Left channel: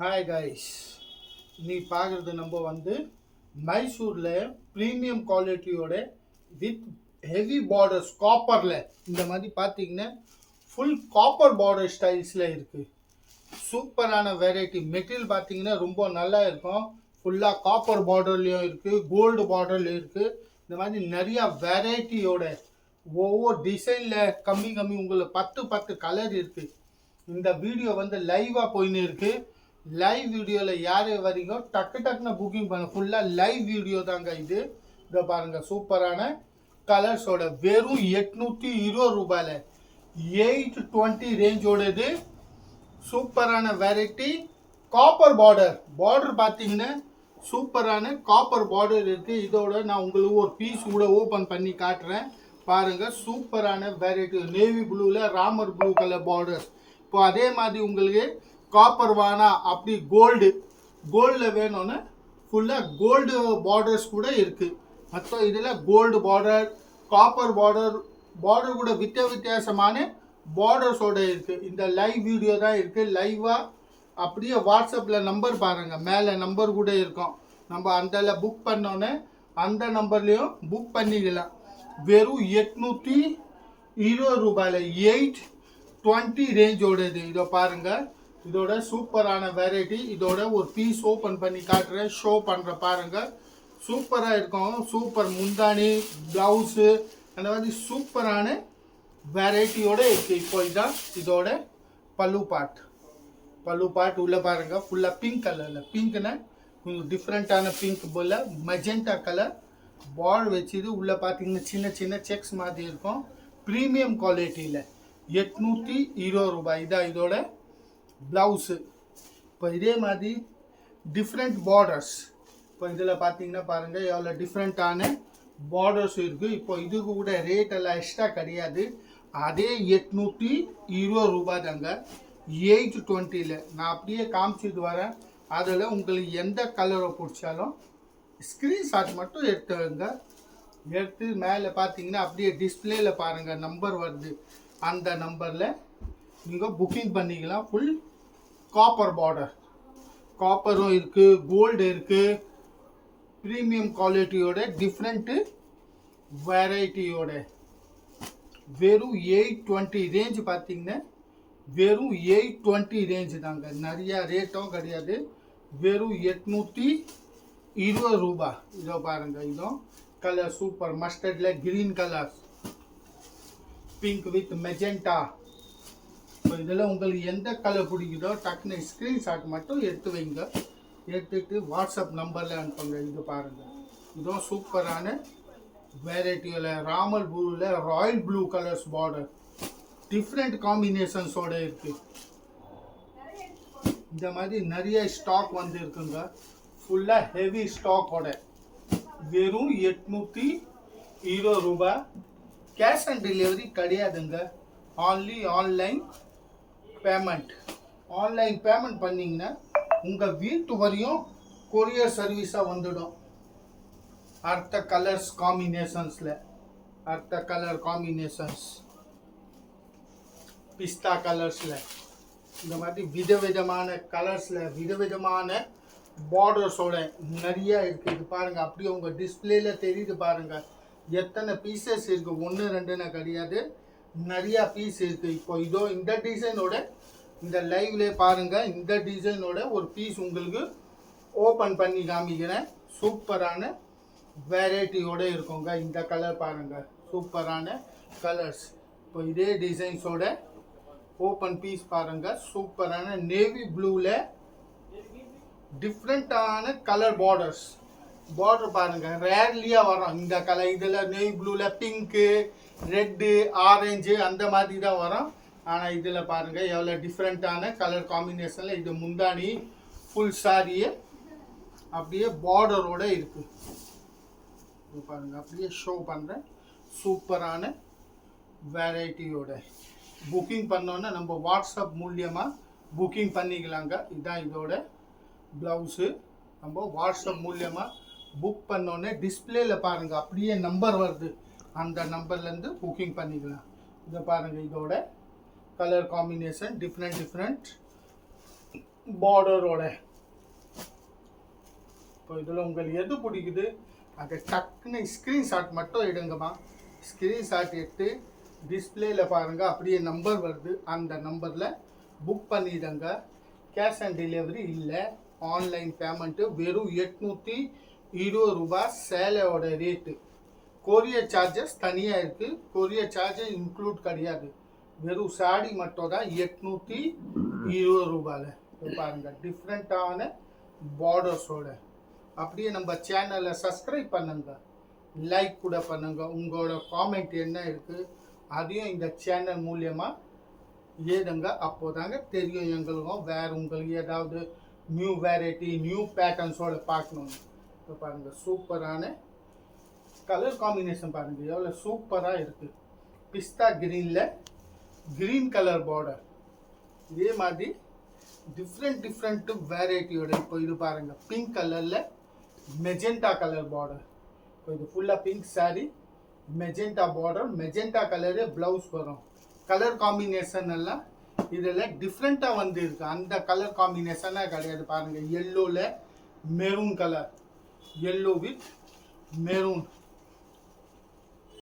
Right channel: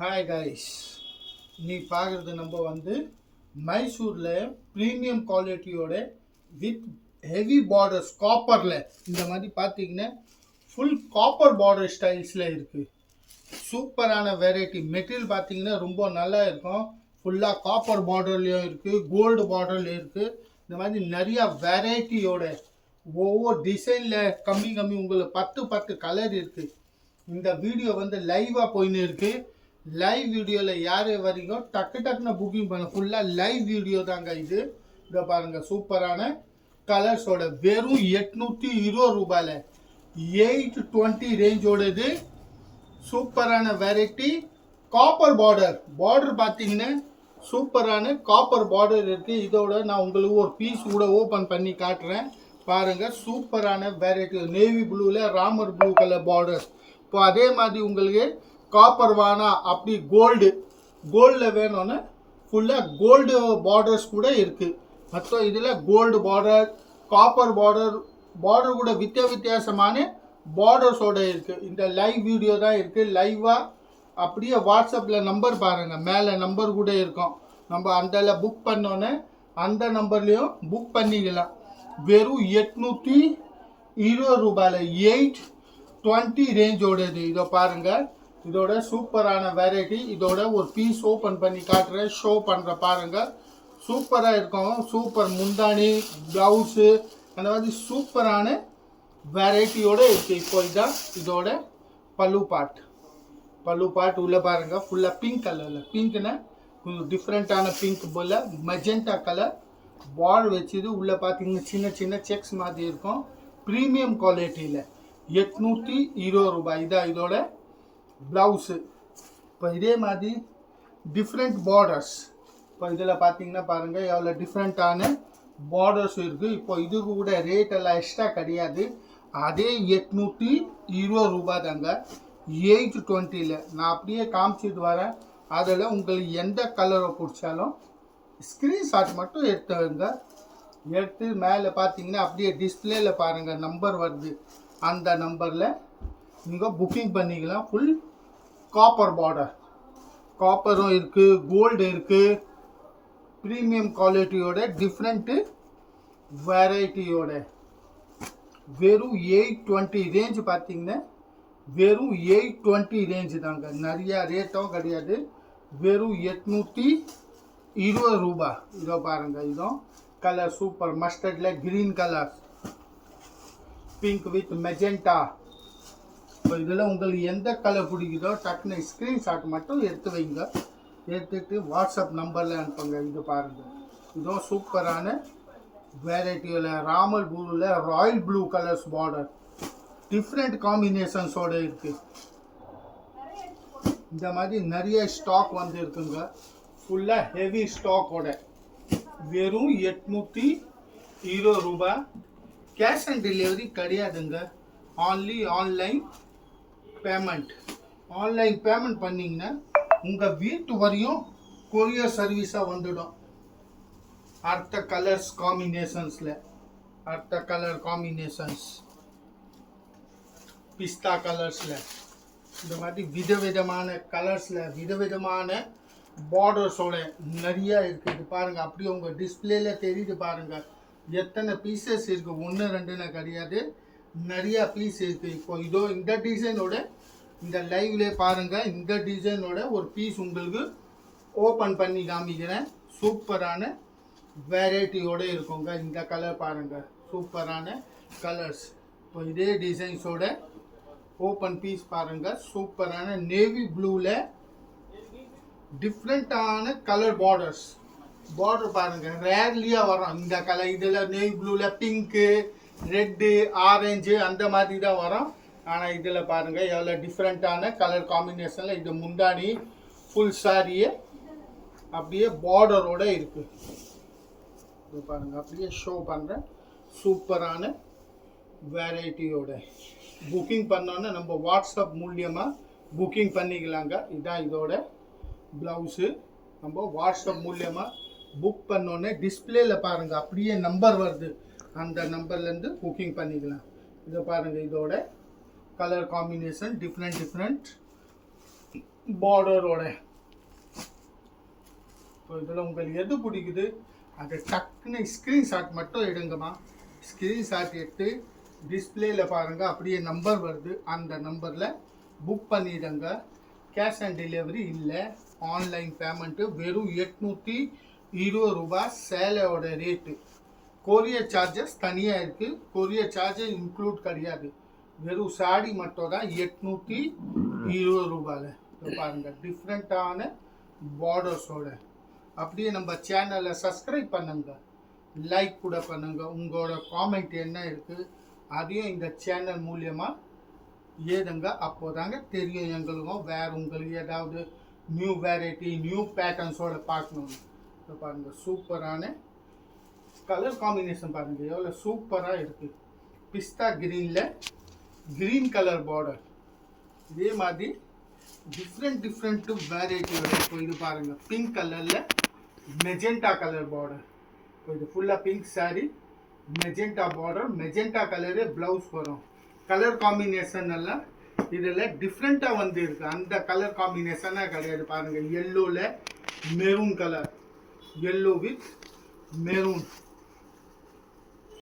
Hi guys, நீ பார்க்குறது நம்ம மைசூரில் ப்ரீமியம் குவாலிட்டியோட வித் ஹெவி பார்டர்ஸ் காப்பரில் இந்த மாதிரி பார்த்தீங்கன்னா ஃபுல் காப்பர் பார்டர் ஸ்டைல்ஸில் இருக்குது. சூப்பரான வெரைட்டி மெட்டீரியல் பார்த்தீங்கன்னா ரொம்ப நல்லா இருக்கும். ஃபுல்லாக காப்பர் பார்டர்லேயும் இருக்குது, கோல்டு பார்டர்லேயும் இருக்குது. இந்த மாதிரி நிறையா வெரைட்டியோட ஒவ்வொரு டிசைனில் கம்மி உங்களுக்கு 10 கலர் இருக்குது. இந்த வீடியோ லைவாக போயின்னு இருக்குது. லைவ் வீடியோவில் யார் வரீங்க டக்குன்னு புக்கிங் பண்ண. ஃபுல்லாக லைவ் வீடியோ தாங்க இது. இதை பாருங்கள், சூப்பரான கலர்ஸோட வெறும் 820 ரூபாயில் 820 ரேஞ்சோடது. சூப்பரான வெரைட்டி காப்பர் பார்டர் பார்த்தீங்கன்னா சூப்பரான காப்பர் பார்டர் இருக்குது. இதோட நான் உங்களுக்கு ஒரு பீஸ் கூட ஓப்பன் பண்ணி காட்டுறேன் பாருங்கள். சூப்பரான வெரைட்டி நேவி ப்ளூவில் ராமர் ப்ளூ கலர் பார்டர். இப்போ அதே மாதிரி உங்களுக்கு காப்பர் வானா அப்படி கோல்டில் வேணும்னு ஃபுல்லாக கோல்டு பார்டர்ஸ் கூட இருக்குது. மற்ற இதில் கோல்டு பார்டர், காப்பர் பார்டர் கூட வித்தியாசமான பார்டர்ஸோட இருக்குது. இந்த லைவ் வீடியோ தான் இருக்குது. லைவாக அப்படியே வாட்ஸ்அப்பில் நம்பர் பாருங்கள், மேலே நம்பர் கூட இருக்கும். நம்ம அந்த புக் பண்ணோன்னே அந்த நம்பர்லேயும் புக் பண்ணிக்கலாம். வெறும் 820 ரூபாயில் 820 ரேஞ்சோடது. இதை பாருங்கள், இதோட சூப்பரான வெரைட்டி. இதோட ஒரு பீஸ் ஓப்பன் பண்ணி காட்டுறேன், ஷோ பண்ணுற பாருங்கள். சூப்பராக இருக்கும். சூப்பர் முந்தானி, ப்ளவுஸு அந்த மாதிரி சூப்பரான வெரைட்டியோடு இருக்குது. இப்போ இதான் இதோட பல்லு பாட் உள்ளே பாருங்கள். ஃபுல்லாக பிங்க் கலரில், பிங்க்னா கொஞ்சம் டிஃப்ரெண்ட்டான பிங்க் போல் மெஜெண்டா கலர் பார்டர் வச்சுது. உள்ளே பார்த்தீங்கன்னா சின்ன செக்ஸ் மாதிரி இருக்கும். ப்ரீமியம் குவாலிட்டியில் 820 ரூபாய். இதான் இதோட ப்ளவுஸு. இப்போ இதே மாதிரி டிஃப்ரெண்ட் பார்டர்ஸ். இப்போ இதில் பார்த்தீங்கன்னா பாருங்கள் எவ்வளோ டிஃப்ரெண்ட்டான பார்டர்ஸ் இருக்குது. இப்போ இதுக்கு கூட ரேட் எல்லாம் எக்ஸ்ட்ரா கிடையாது. அதே 820 ரூபாய் தாங்க 820ல். நான் அப்படியே காமிச்சிட்டு வரேன். அதில் உங்களுக்கு எந்த கலரை பிடிச்சாலும் ஸ்க்ரீன்ஷாட் மட்டும் எடுத்து மேலே பார்த்தீங்கன்னா அப்படியே டிஸ்பிளேயில் பாருங்கள் நம்பர் வருது. அந்த நம்பரில் நீங்கள் புக்கிங் பண்ணிக்கலாம். ஃபுல் காப்பர் பார்டர், காப்பரும் இருக்குது, கோல்டு இருக்குது. ப்ரீமியம் குவாலிட்டியோட டிஃப்ரெண்ட்டு வெரைட்டியோட வெறும் 820 ரேஞ்ச் பார்த்தீங்கன்னா வெறும் 820 ரேஞ்சு தாங்க. நிறையா ரேட்டும் கிடையாது. வெறும் 820 ரூபாய். இதோ பாருங்கள், இதோ கலர் சூப்பர் மஸ்டர்டில் green colour, pink with magenta. இப்போ இதில் உங்களுக்கு எந்த கலர் பிடிக்குதோ டக்குன்னு ஸ்க்ரீன்ஷாட் மட்டும் எடுத்து வைங்க. எடுத்துகிட்டு வாட்ஸ்அப் நம்பரில் அனுப்புங்க. இது பாருங்கள், இதுவும் சூப்பரான வெரைட்டியில் ராமல் ப்ளூவில் royal blue colours border different காம்பினேஷன்ஸோடு இருக்குது. இந்த மாதிரி நிறைய ஸ்டாக் இருக்குங்க. ஃபுல்லாக ஹெவி ஸ்டாக்கோட வெறும் 820 ரூபாய். கேஷ் ஆன் டெலிவரி கிடையாதுங்க. ஆன்லி ஆன்லைன் பேமெண்ட் பண்ணிங்கன்னா உங்கள் வீட்டு வரையும் கொரியர் சர்வீஸாக வந்துடும். அடுத்த கலர் காம்பினேஷன்ஸ் பிஸ்தா கலர்ஸில் இந்த மாதிரி விதவிதமான கலர்ஸில் விதவிதமான பார்டர்ஸோட நிறையா இருக்குது. இது பாருங்கள், அப்படியே உங்கள் டிஸ்பிளேல தெரியுது பாருங்கள் எத்தனை பீசஸ் இருக்குது. 1 2ன்னு கிடையாது, நிறையா பீஸ் இருக்குது. இப்போ இதோ இந்த டிசைனோட இந்த லைவ்ல பாருங்கள், இந்த டிசைனோட ஒரு பீஸ் உங்களுக்கு ஓப்பன் பண்ணி காமிக்கிறேன். சூப்பரான வெரைட்டியோடு இருக்குங்க. இந்த கலர் பாருங்கள், சூப்பரான கலர்ஸ். இப்போ இதே டிசைன்ஸோட ஓப்பன் பீஸ் பாருங்கள். சூப்பரான நேவி ப்ளூவில் டிஃப்ரெண்ட்டான கலர் பார்டர் பாருங்கள். ரேர்லியாக வரும் இந்த கலர். இதில் நேவி ப்ளூவில் பிங்க்கு, ரெட்டு, ஆரஞ்சு அந்த மாதிரி தான் வரும். ஆனால் இதில் பாருங்கள் எவ்வளோ டிஃப்ரெண்ட்டான கலர் காம்பினேஷனில். இது முந்தானி ஃபுல் சாரியே அப்படியே பார்டரோடு இருக்குது. இது பாருங்கள், அப்படியே ஷோ பண்ணுறேன். சூப்பரான வெரைட்டியோட புக்கிங் பண்ணோன்னே நம்ம வாட்ஸ்அப் மூலியமாக புக்கிங் பண்ணிக்கலாங்க. இதுதான் இதோட ப்ளவுஸு. நம்ம வாட்ஸ்அப் மூலியமாக புக் பண்ணோன்னே டிஸ்பிளேயில் பாருங்கள் அப்படியே நம்பர் வருது. அந்த நம்பர்லேருந்து புக்கிங் பண்ணிக்கலாம். இதை பாருங்கள், இதோட கலர் காம்பினேஷன் டிஃப்ரெண்ட் பார்டரோட. இப்போ இதில் உங்களுக்கு எது பிடிக்குது அதை டக்குன்னு ஸ்க்ரீன்ஷாட் மட்டும் எடுங்கம்மா. ஸ்க்ரீன்ஷாட் எடுத்து டிஸ்பிளேயில் பாருங்கள், அப்படியே நம்பர் வருது, அந்த நம்பரில் புக் பண்ணிவிடுங்க. கேஷ் ஆன் டெலிவரி இல்லை, ஆன்லைன் பேமெண்ட்டு. வெறும் 820 ரூபா சேலையோட ரேட்டு. கொரியர் சார்ஜஸ் தனியாக இருக்குது, கொரியர் சார்ஜஸ் இன்க்ளூட் கிடையாது. வெறும் சாடி மட்டும் தான் 820 ரூபாயில். இப்போ பாருங்கள் டிஃப்ரெண்ட்டான பார்டர்ஸோட. அப்படியே நம்ம சேனலை சப்ஸ்கிரைப் பண்ணுங்க, லைக் கூட பண்ணுங்க. உங்களோட காமெண்ட் என்ன இருக்குது அதையும் இந்த சேனல் மூலியமாக ஏதுங்க. அப்போதாங்க தெரியும் எங்களுக்கும் வேறு உங்களுக்கு ஏதாவது நியூ வெரைட்டி நியூ பேட்டர்ன்ஸோட பார்க்கணுன்னு. இப்போ பாருங்கள் சூப்பரான கலர் காம்பினேஷன் பாருங்கள் எவ்வளோ சூப்பராக இருக்குது. பிஸ்தா க்ரீனில் க்ரீன் கலர் பார்டர். இதே மாதிரி டிஃப்ரெண்ட் வெரைட்டி வந்து. இப்போ இது பாருங்கள் பிங்க் கலரில் மெஜெண்டா கலர் பார்டர். இப்போ இது ஃபுல்லாக pink sorry, magenta border, magenta கலரே ப்ளவுஸ் வரும். கலர் காம்பினேஷன் எல்லாம் இதில் டிஃப்ரெண்ட்டாக வந்து இருக்கு. அந்த கலர் காம்பினேஷனாக கிடையாது. பாருங்கள் எல்லோவில் maroon colour, yellow with maroon.